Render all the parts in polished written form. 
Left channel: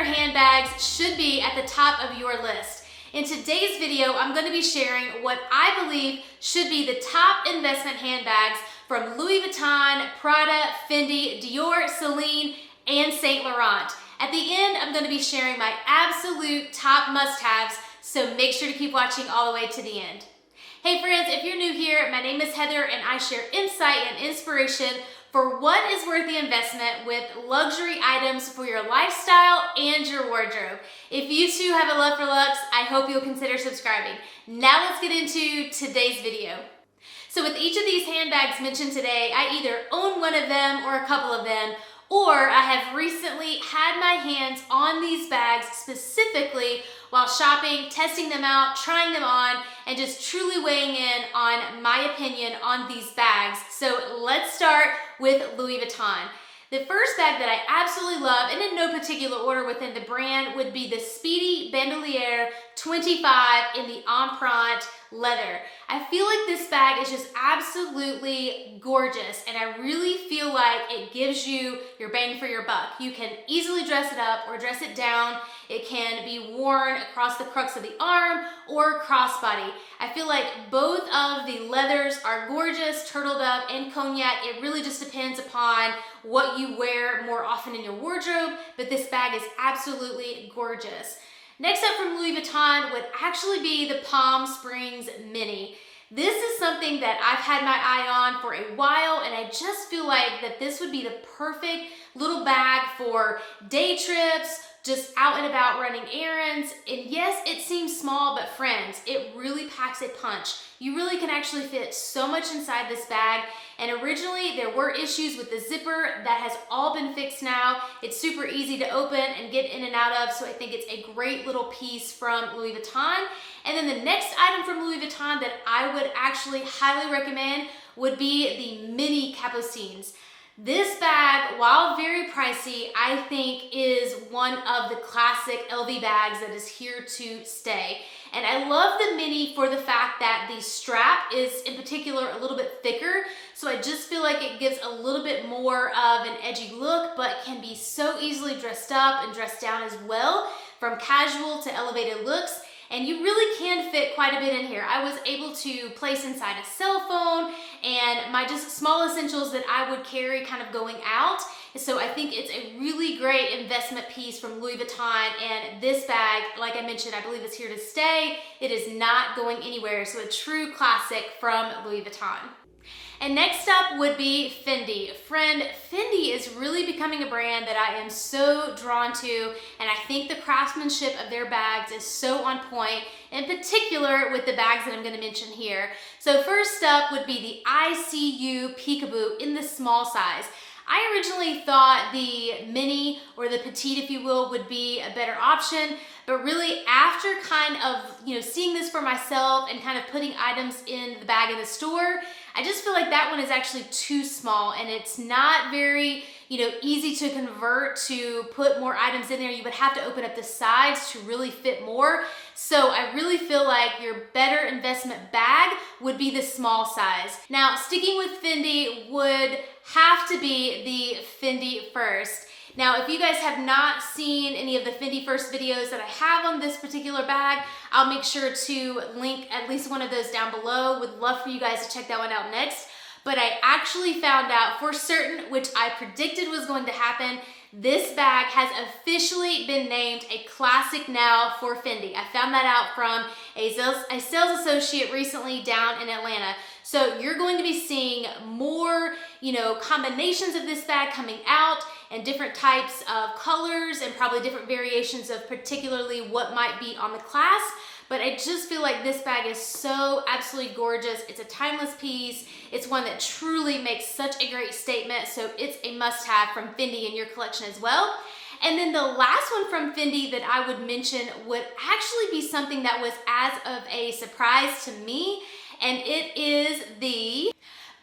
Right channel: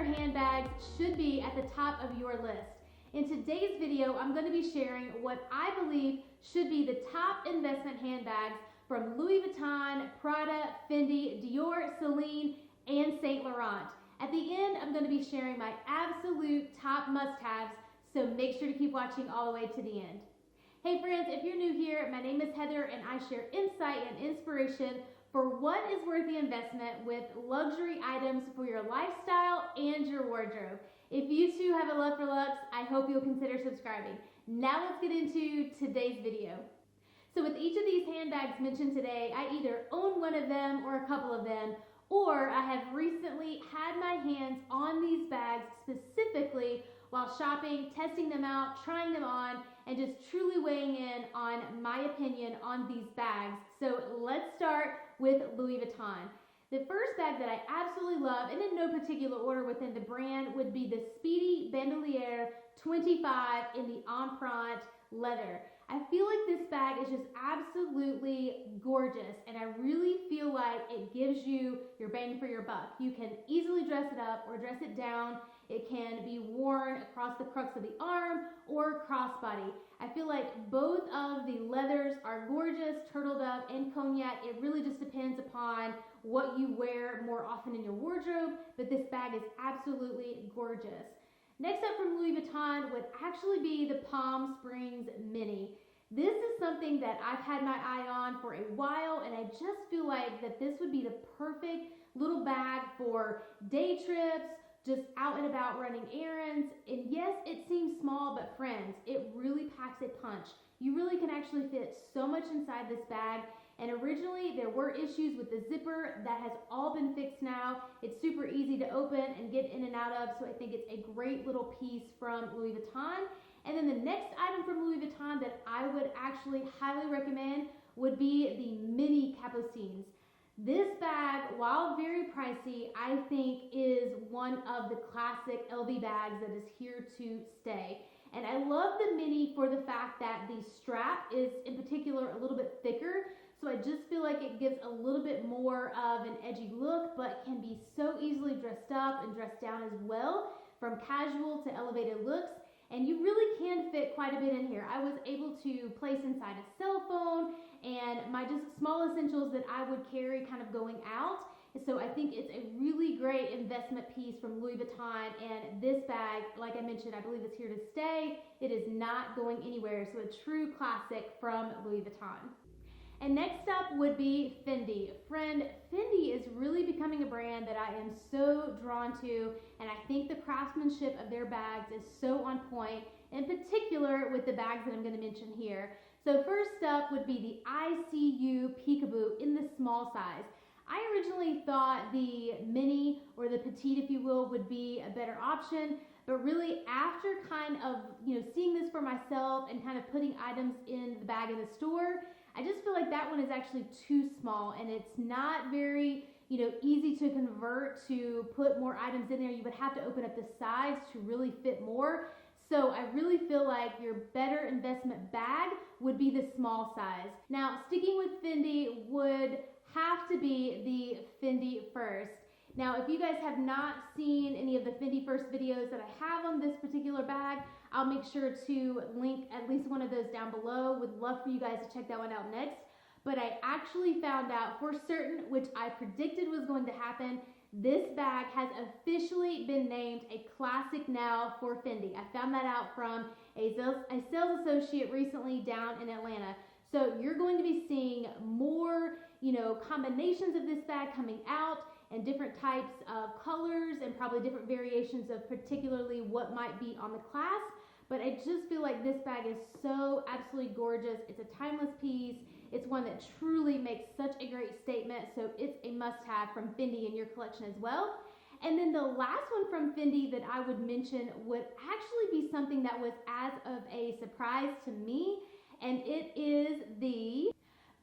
designer handbags should be at the top of your list. In today's video, I'm going to be sharing what I believe should be the top investment handbags from Louis Vuitton, Prada, Fendi, Dior, Celine, and Saint Laurent. At the end, I'm going to be sharing my absolute top must-haves, so make sure to keep watching all the way to the end. Hey friends, if you're new here, my name is Heather and I share insight and inspiration for what is worth the investment with luxury items for your lifestyle and your wardrobe. If you too have a love for Luxe, I hope you'll consider subscribing. Now let's get into today's video. So with each of these handbags mentioned today, I either own one of them or a couple of them, or I have recently had my hands on these bags specifically while shopping, testing them out, trying them on, and just truly weighing in on my opinion on these bags. So let's start with Louis Vuitton. The first bag that I absolutely love, and in no particular order within the brand, would be the Speedy Bandolier 25 in the Empreinte leather. I feel like this bag is just absolutely gorgeous, and I really feel like it gives you your bang for your buck. You can easily dress it up or dress it down. It can be worn across the crux of the arm or crossbody. I feel like both of the leathers are gorgeous, turtled up and cognac. It really just depends upon what you wear more often in your wardrobe, but this bag is absolutely gorgeous. Next up from Louis Vuitton would actually be the Palm Springs Mini. This is something that I've had my eye on for a while, and I just feel like that this would be the perfect little bag for day trips, just out and about running errands. And yes, it seems small, but friends, it really packs a punch. You really can actually fit so much inside this bag. And originally there were issues with the zipper. That has all been fixed now. It's super easy to open and get in and out of, so I think it's a great little piece from Louis Vuitton. And then the next item from Louis Vuitton that I would actually highly recommend would be the Mini Capucines. This bag, while very pricey, I think is one of the classic LV bags that is here to stay. And I love the Mini for the fact that the strap is in particular a little bit thicker. So I just feel like it gives a little bit more of an edgy look, but can be so easily dressed up and dressed down as well, from casual to elevated looks. And you really can fit quite a bit in here. I was able to place inside a cell phone and my just small essentials that I would carry kind of going out. So I think it's a really great investment piece from Louis Vuitton, and this bag, like I mentioned, I believe it's here to stay. It is not going anywhere, so a true classic from Louis Vuitton. And next up would be Fendi. Friend, Fendi is really becoming a brand that I am so drawn to, and I think the craftsmanship of their bags is so on point, in particular with the bags that I'm going to mention here. So first up would be the ICU Peekaboo in the small size. I originally thought the mini, or the petite if you will, would be a better option, but really after kind of seeing this for myself and kind of putting items in the bag in the store, I just feel like that one is actually too small, and it's not very easy to convert to put more items in there. You would have to open up the sides to really fit more. So I really feel like your better investment bag would be the small size. Now, sticking with Fendi would have to be the Fendi First. Now, if you guys have not seen any of the Fendi First videos that I have on this particular bag, I'll make sure to link at least one of those down below. Would love for you guys to check that one out next. But I actually found out for certain, which I predicted was going to happen, this bag has officially been named a classic now for Fendi. I found that out from a sales associate recently down in Atlanta. So you're going to be seeing more, combinations of this bag coming out, and different types of colors and probably different variations of particularly what might be on the class. But I just feel like this bag is so absolutely gorgeous. It's a timeless piece. It's one that truly makes such a great statement. So it's a must-have from Fendi in your collection as well. And then the last one from Fendi that I would mention would actually be something that was as of a surprise to me. And it is the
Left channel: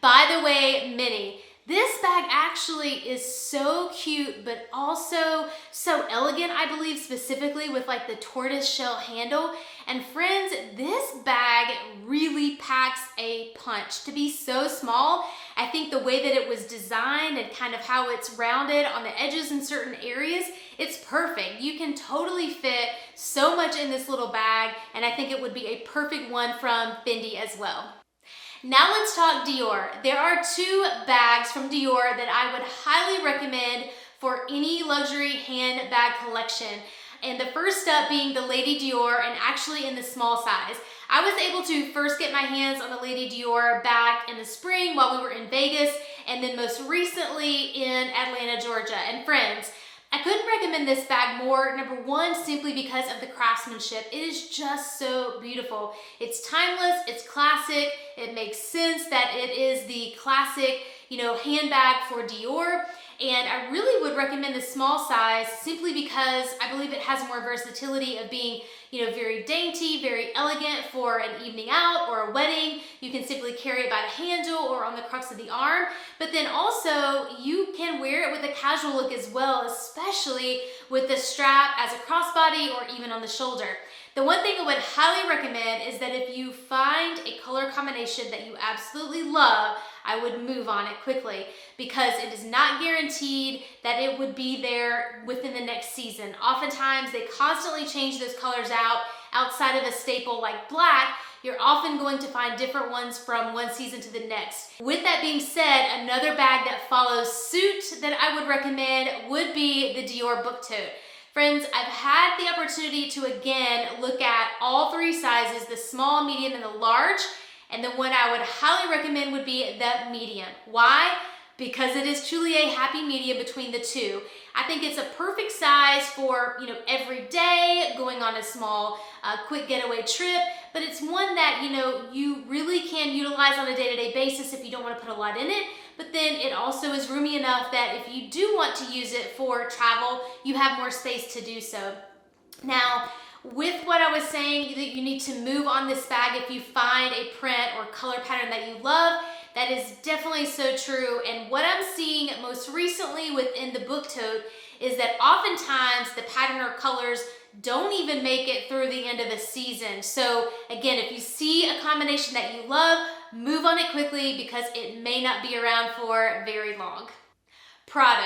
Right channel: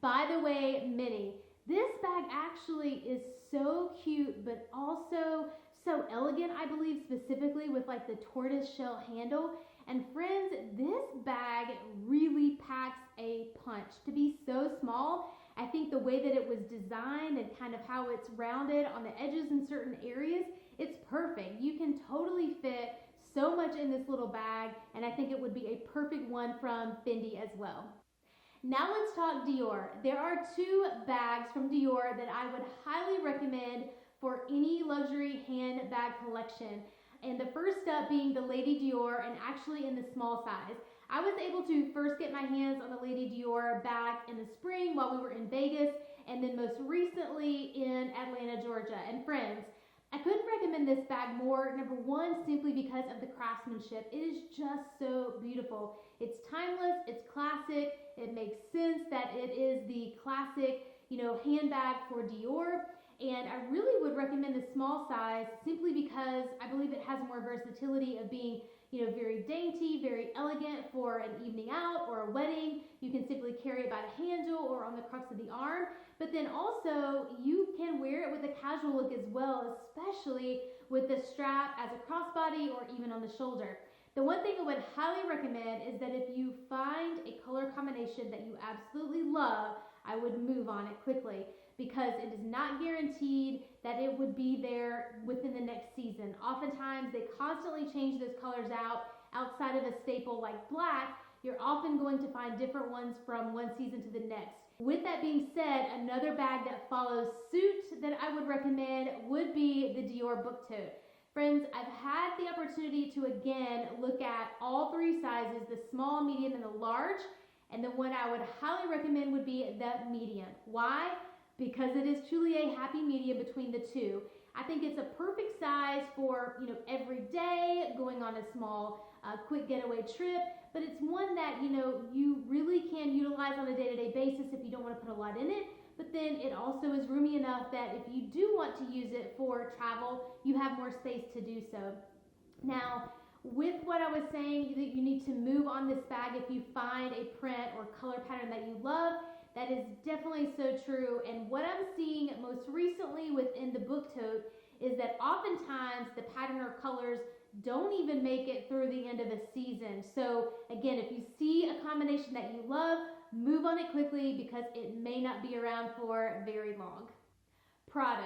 By the Way Mini. This bag actually is so cute, but also so elegant, I believe, specifically with like the tortoise shell handle. And friends, this bag really packs a punch. To be so small, I think the way that it was designed and kind of how it's rounded on the edges in certain areas, it's perfect. You can totally fit so much in this little bag, and I think it would be a perfect one from Fendi as well. Now let's talk Dior. There are two bags from Dior that I would highly recommend for any luxury handbag collection. And the first up being the Lady Dior, and actually in the small size. I was able to first get my hands on the Lady Dior back in the spring while we were in Vegas, and then most recently in Atlanta, Georgia. And friends, I couldn't recommend this bag more. Number one, simply because of the craftsmanship. It is just so beautiful. It's timeless, it's classic. It makes sense that it is the classic, handbag for Dior. And I really would recommend the small size simply because I believe it has more versatility of being, very dainty, very elegant for an evening out or a wedding. You can simply carry it by the handle or on the crux of the arm. But then also you can wear it with a casual look as well, especially with the strap as a crossbody or even on the shoulder. The one thing I would highly recommend is that if you find a color combination that you absolutely love, I would move on it quickly, because it is not guaranteed that it would be there within the next season. Oftentimes they constantly change those colors out. Outside of a staple like black, you're often going to find different ones from one season to the next. With that being said, another bag that follows suit that I would recommend would be the Dior book tote. Friends, I've had the opportunity to again look at all three sizes, the small, medium, and the large. And the one I would highly recommend would be the medium. Why? Because it is truly a happy medium between the two. I think it's a perfect size for, every day, going on a small, quick getaway trip, but it's one that, you really can utilize on a day-to-day basis if you don't want to put a lot in it. But then it also is roomy enough that if you do want to use it for travel, you have more space to do so. Now, with what I was saying, that you need to move on this bag if you find a print or color pattern that you love. That is definitely so true. And what I'm seeing most recently within the book tote is that oftentimes the pattern or colors don't even make it through the end of the season. So again, if you see a combination that you love, move on it quickly because it may not be around for very long. Prada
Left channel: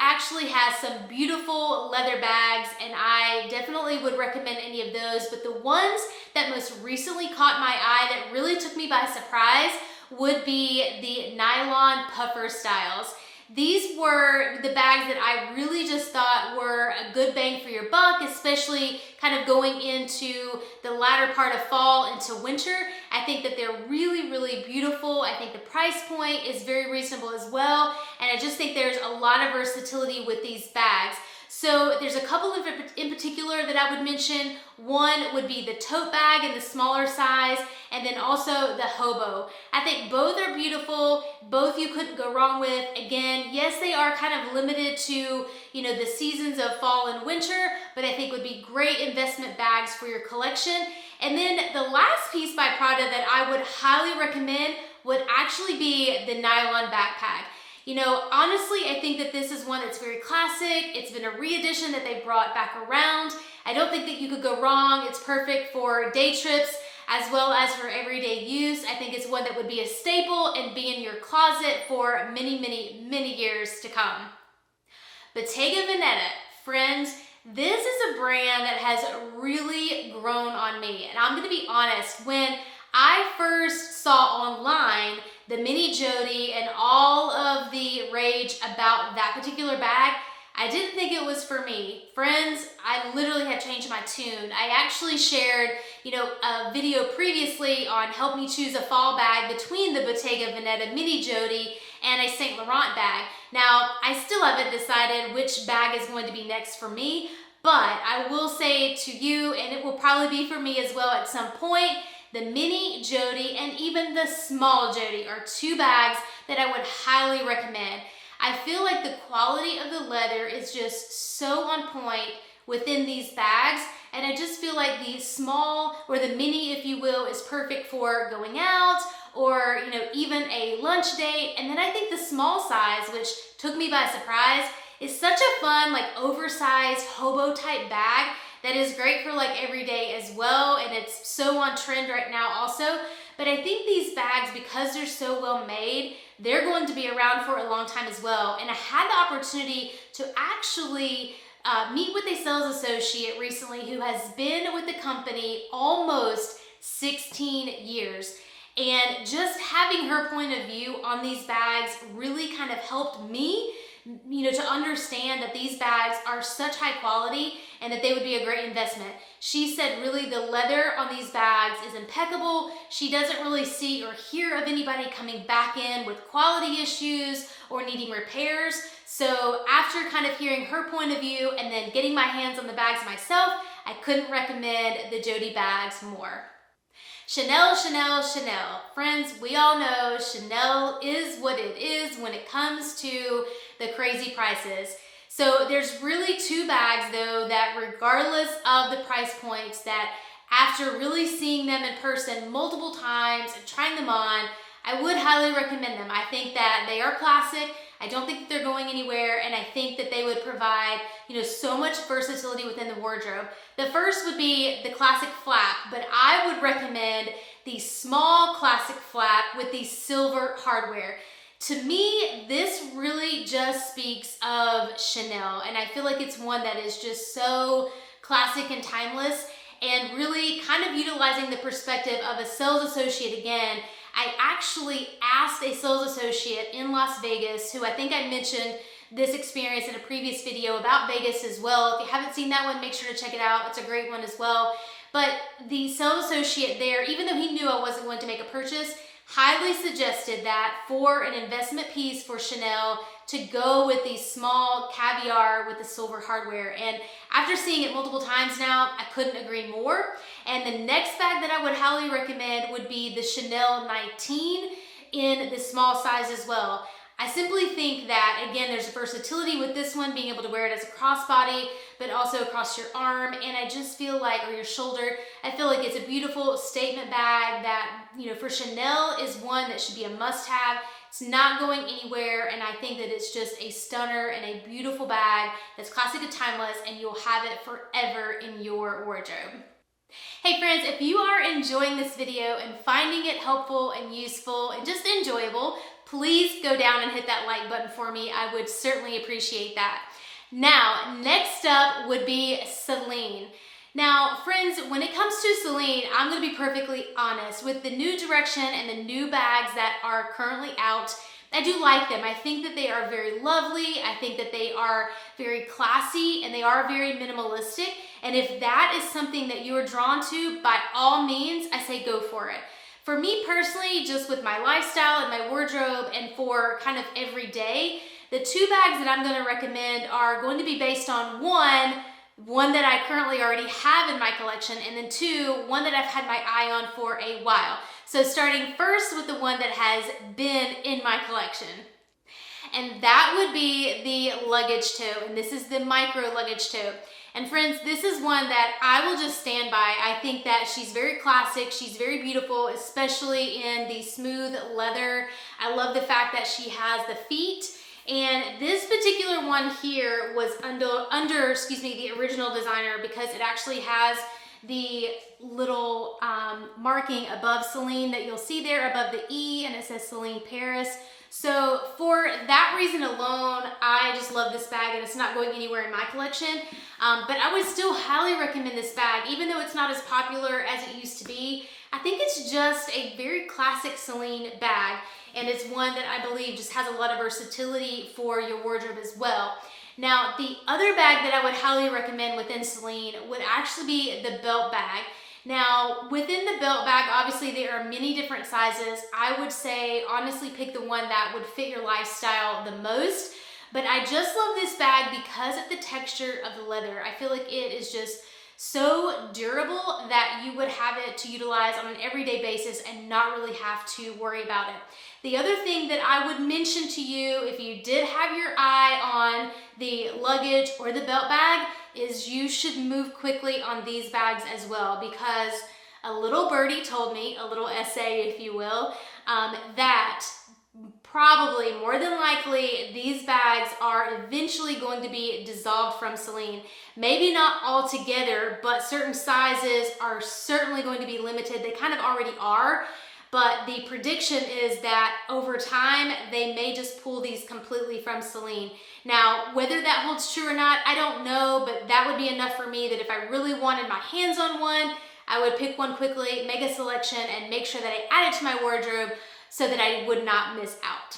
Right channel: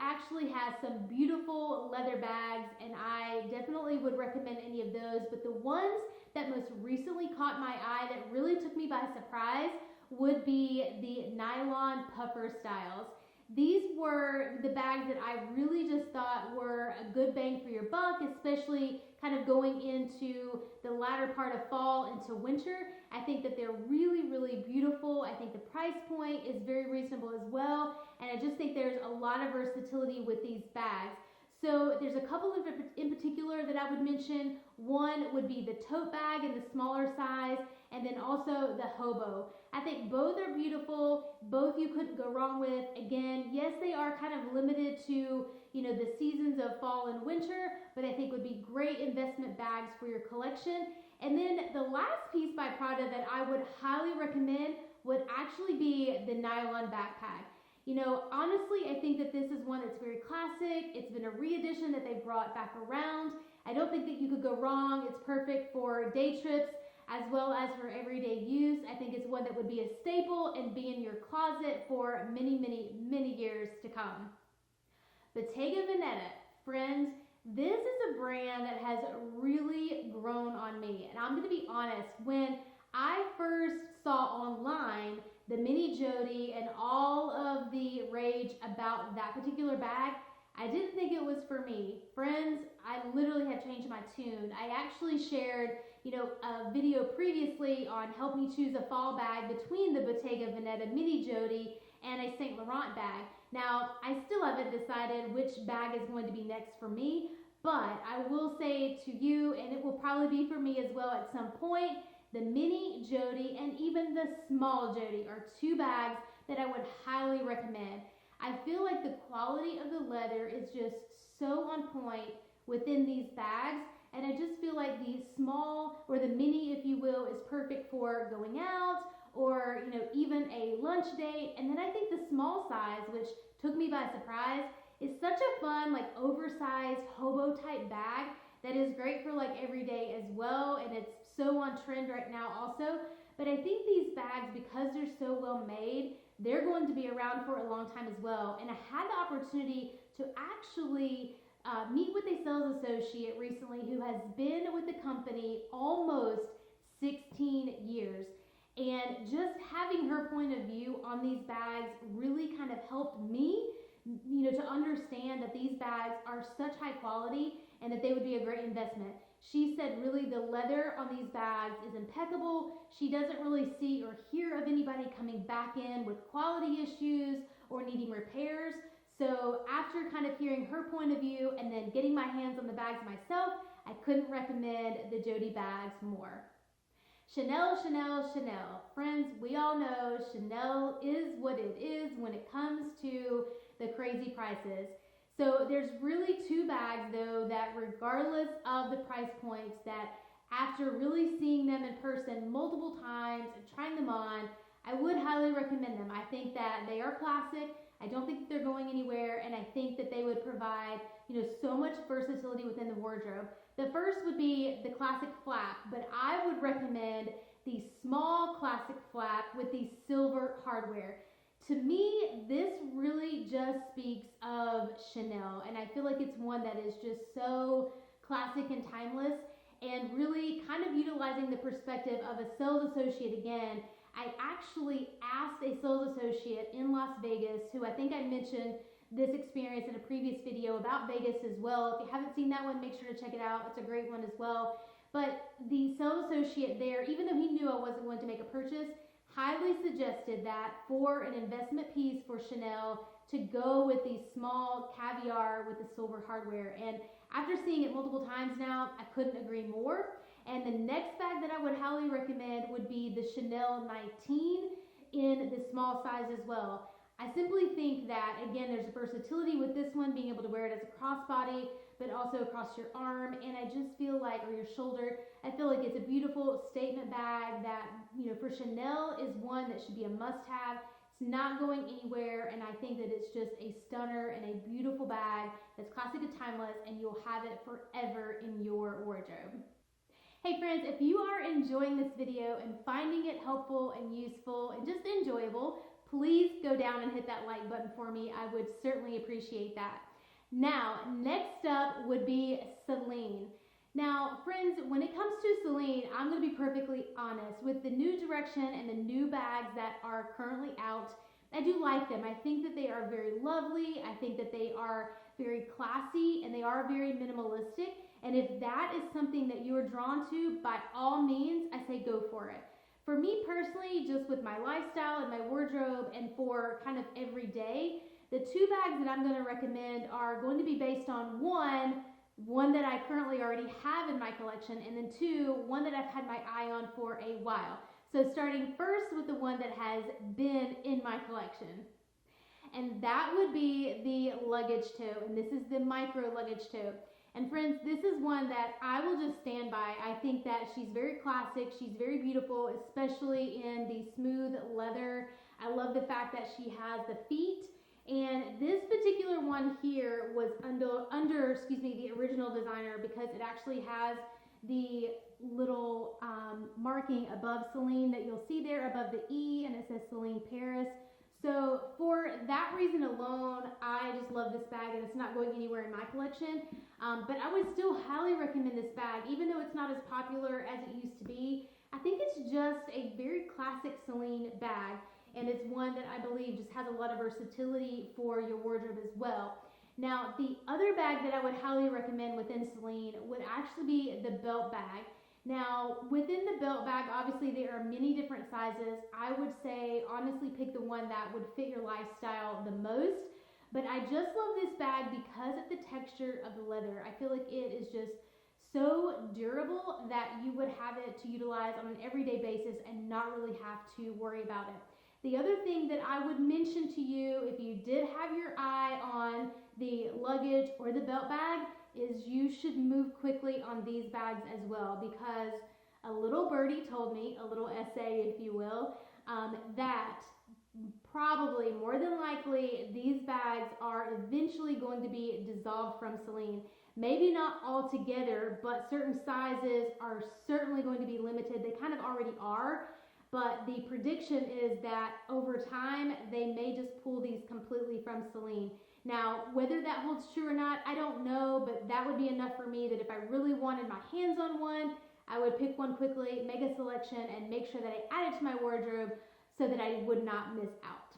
actually has some beautiful leather bags, and I definitely would recommend any of those, but the ones that most recently caught my eye that really took me by surprise would be the nylon puffer styles. These were the bags that I really just thought were a good bang for your buck, especially kind of going into the latter part of fall into winter. I think that they're really, really beautiful. I think the price point is very reasonable as well. And I just think there's a lot of versatility with these bags. So there's a couple of in particular that I would mention. One would be the tote bag in the smaller size, and then also the hobo. I think both are beautiful. Both you couldn't go wrong with. Again, yes, they are kind of limited to, the seasons of fall and winter, but I think would be great investment bags for your collection. And then the last piece by Prada that I would highly recommend would actually be the nylon backpack. Honestly, I think that this is one that's very classic. It's been a re-edition that they brought back around. I don't think that you could go wrong. It's perfect for day trips as well as for everyday use. I think it's one that would be a staple and be in your closet for many, many, many years to come. Bottega Veneta, friends, this is a brand that has really grown on me. And I'm gonna be honest, when I first saw online the mini Jody and all of the rage about that particular bag, I didn't think it was for me. Friends, I literally had changed my tune. I actually shared, a video previously on help me choose a fall bag between the Bottega Veneta mini Jody and a Saint Laurent bag. Now, I still haven't decided which bag is going to be next for me, but I will say to you, and it will probably be for me as well at some point, the mini Jody and even the small Jody are two bags that I would highly recommend. I feel like the quality of the leather is just so on point within these bags, And I just feel like the small, or the mini, if you will, is perfect for going out, or even a lunch date. And then I think the small size, which took me by surprise, is such a fun, like oversized hobo type bag that is great for like every day as well. And it's so on trend right now also. But I think these bags, because they're so well made, they're going to be around for a long time as well. And I had the opportunity to actually meet with a sales associate recently who has been with the company almost 16 years. And just having her point of view on these bags really kind of helped me, to understand that these bags are such high quality and that they would be a great investment. She said really the leather on these bags is impeccable. She doesn't really see or hear of anybody coming back in with quality issues or needing repairs. So after kind of hearing her point of view and then getting my hands on the bags myself, I couldn't recommend the Jody bags more. Chanel, Chanel, Chanel. Friends, we all know Chanel is what it is when it comes to the crazy prices. So there's really two bags though that, regardless of the price points, that after really seeing them in person multiple times and trying them on, I would highly recommend them. I think that they are classic. I don't think that they're going anywhere, and I think that they would provide, so much versatility within the wardrobe. The first would be the classic flap, but I would recommend the small classic flap with the silver hardware. To me, this really just speaks of Chanel, and I feel like it's one that is just so classic and timeless, and really kind of utilizing the perspective of a sales associate again. I actually asked a sales associate in Las Vegas, who I think I mentioned this experience in a previous video about Vegas as well. If you haven't seen that one, make sure to check it out. It's a great one as well. But the sales associate there, even though he knew I wasn't going to make a purchase, highly suggested that for an investment piece for Chanel, to go with the small caviar with the silver hardware. And after seeing it multiple times now, I couldn't agree more. And the next bag that I would highly recommend would be the Chanel 19 in the small size as well. I simply think that, again, there's versatility with this one, being able to wear it as a crossbody, but also across your arm, and I just feel like, or your shoulder, I feel like it's a beautiful statement bag that, for Chanel is one that should be a must-have. It's not going anywhere, and I think that it's just a stunner and a beautiful bag that's classic and timeless, and you'll have it forever in your wardrobe. Hey friends, if you are enjoying this video and finding it helpful and useful and just enjoyable, please go down and hit that like button for me. I would certainly appreciate that. Now, next up would be Celine. Now, friends, when it comes to Celine, I'm going to be perfectly honest. With the new direction and the new bags that are currently out, I do like them. I think that they are very lovely. I think that they are very classy, and they are very minimalistic. And if that is something that you are drawn to, by all means, I say go for it. For me personally, just with my lifestyle and my wardrobe, and for kind of every day, the two bags that I'm going to recommend are going to be based on one that I currently already have in my collection, and then two, one that I've had my eye on for a while. So starting first with the one that has been in my collection. And that would be the luggage tote, and this is the micro luggage tote. And friends, this is one that I will just stand by. I think that she's very classic, she's very beautiful, especially in the smooth leather. I love the fact that she has the feet. And this particular one here was under the original designer, because it actually has the little marking above Celine that you'll see there above the E, and it says Celine Paris. So for that reason alone, I just love this bag, and it's not going anywhere in my collection. But I would still highly recommend this bag, even though it's not as popular as it used to be. I think it's just a very classic Celine bag, and it's one that I believe just has a lot of versatility for your wardrobe as well. Now, the other bag that I would highly recommend within Celine would actually be the belt bag. Now, within the belt bag, obviously there are many different sizes. I would say, honestly, pick the one that would fit your lifestyle the most. But I just love this bag because of the texture of the leather. I feel like it is just so durable that you would have it to utilize on an everyday basis and not really have to worry about it. The other thing that I would mention to you, if you did have your eye on the luggage or the belt bag, is you should move quickly on these bags as well, because a little birdie told me, a little essay if you will, that probably more than likely these bags are eventually going to be dissolved from Celine. Maybe not altogether, but certain sizes are certainly going to be limited. They kind of already are, but the prediction is that over time they may just pull these completely from Celine. Now, whether that holds true or not, I don't know, but that would be enough for me that if I really wanted my hands on one, I would pick one quickly, make a selection, and make sure that I add it to my wardrobe so that I would not miss out.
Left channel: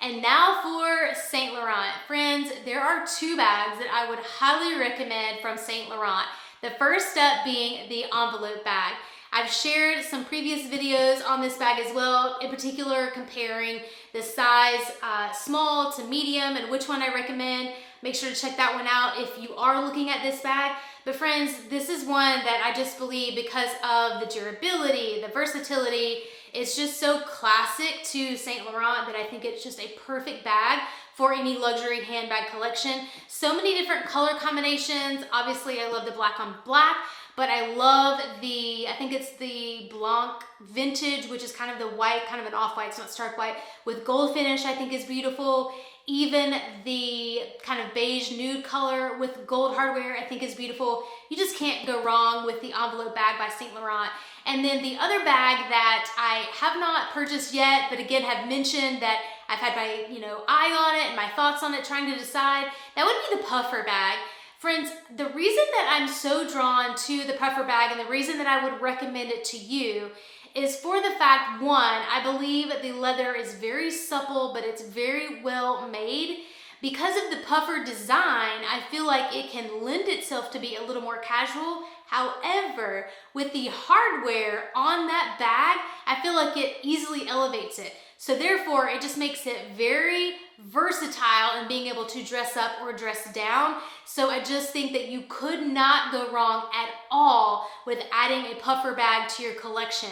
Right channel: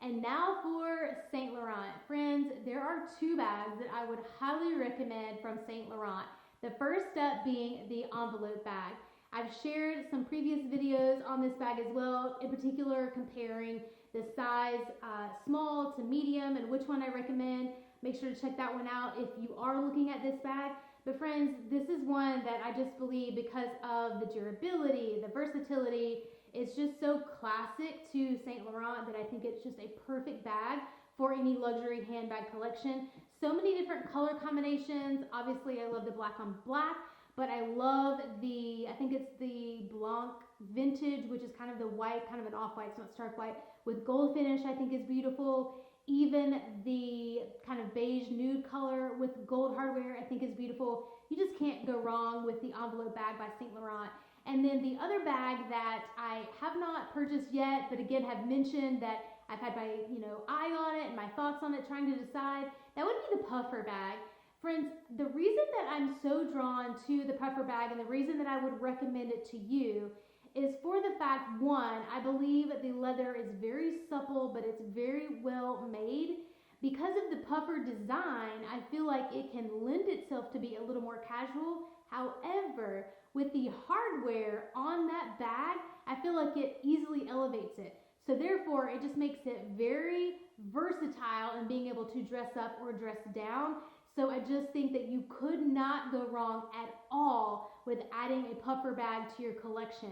And now for Saint Laurent. Friends, there are two bags that I would highly recommend from Saint Laurent. The first up being the envelope bag. I've shared some previous videos on this bag as well, in particular comparing the size small to medium and which one I recommend. Make sure to check that one out if you are looking at this bag. But friends, this is one that I just believe, because of the durability, the versatility, it's just so classic to Saint Laurent that I think it's just a perfect bag for any luxury handbag collection. So many different color combinations. Obviously, I love the black on black, but I love I think it's the Blanc Vintage, which is kind of the white, kind of an off-white, it's not stark white, with gold finish, I think is beautiful. Even the kind of beige nude color with gold hardware, I think is beautiful. You just can't go wrong with the envelope bag by Saint Laurent. And then the other bag that I have not purchased yet, but again have mentioned that I've had my eye on it and my thoughts on it, trying to decide, that would be the puffer bag. Friends, the reason that I'm so drawn to the puffer bag and the reason that I would recommend it to you is for the fact, one, I believe the leather is very supple, but it's very well made. Because of the puffer design, I feel like it can lend itself to be a little more casual. However, with the hardware on that bag, I feel like it easily elevates it. So therefore, it just makes it very versatile in being able to dress up or dress down. So I just think that you could not go wrong at all with adding a puffer bag to your collection.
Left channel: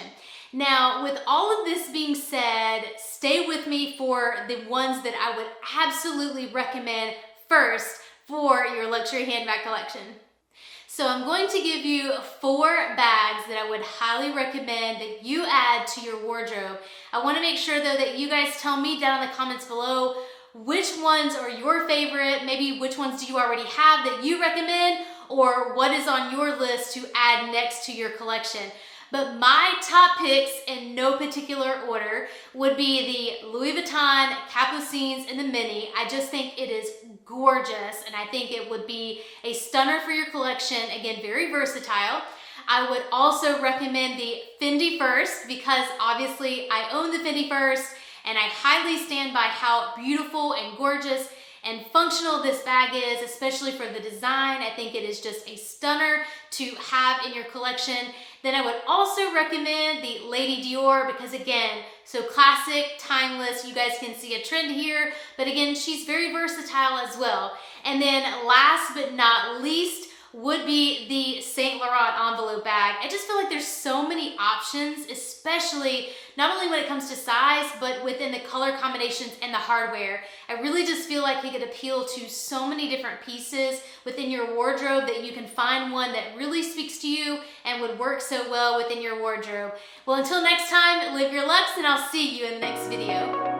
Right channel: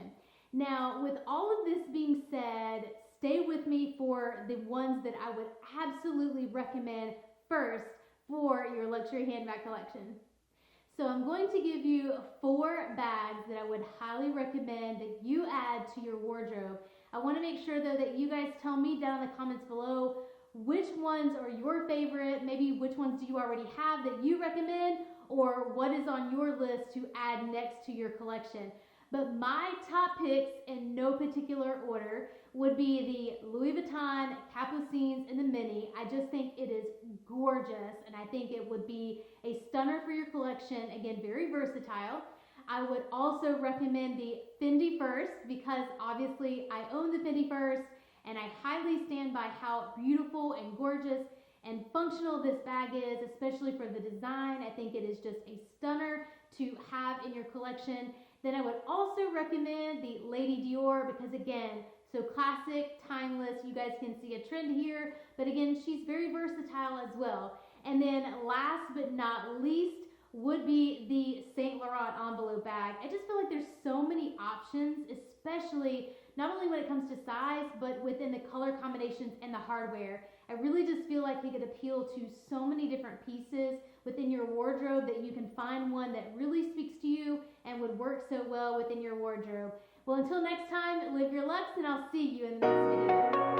Now, with all of this being said, stay with me for the ones that I would absolutely recommend first for your luxury handbag collection. So I'm going to give you 4 bags that I would highly recommend that you add to your wardrobe. I want to make sure though that you guys tell me down in the comments below which ones are your favorite, maybe which ones do you already have that you recommend, or what is on your list to add next to your collection. But my top picks in no particular order would be the Louis Vuitton Capucines in the mini. I just think it is gorgeous, and I think it would be a stunner for your collection. Again, very versatile. I would also recommend the Fendi First, because obviously I own the Fendi First, and I highly stand by how beautiful and gorgeous and functional this bag is, especially for the design. I think it is just a stunner to have in your collection. Then I would also recommend the Lady Dior, because again, so classic, timeless. You guys can see a trend here, but again, she's very versatile as well. And then last but not least would be the Saint Laurent envelope bag. I just feel like there's so many options, especially not only when it comes to size, but within the color combinations and the hardware. I really just feel like it could appeal to so many different pieces within your wardrobe that you can find one that really speaks to you and would work so well within your wardrobe. Well, until next time, live your Luxe, and I'll see you in the next video.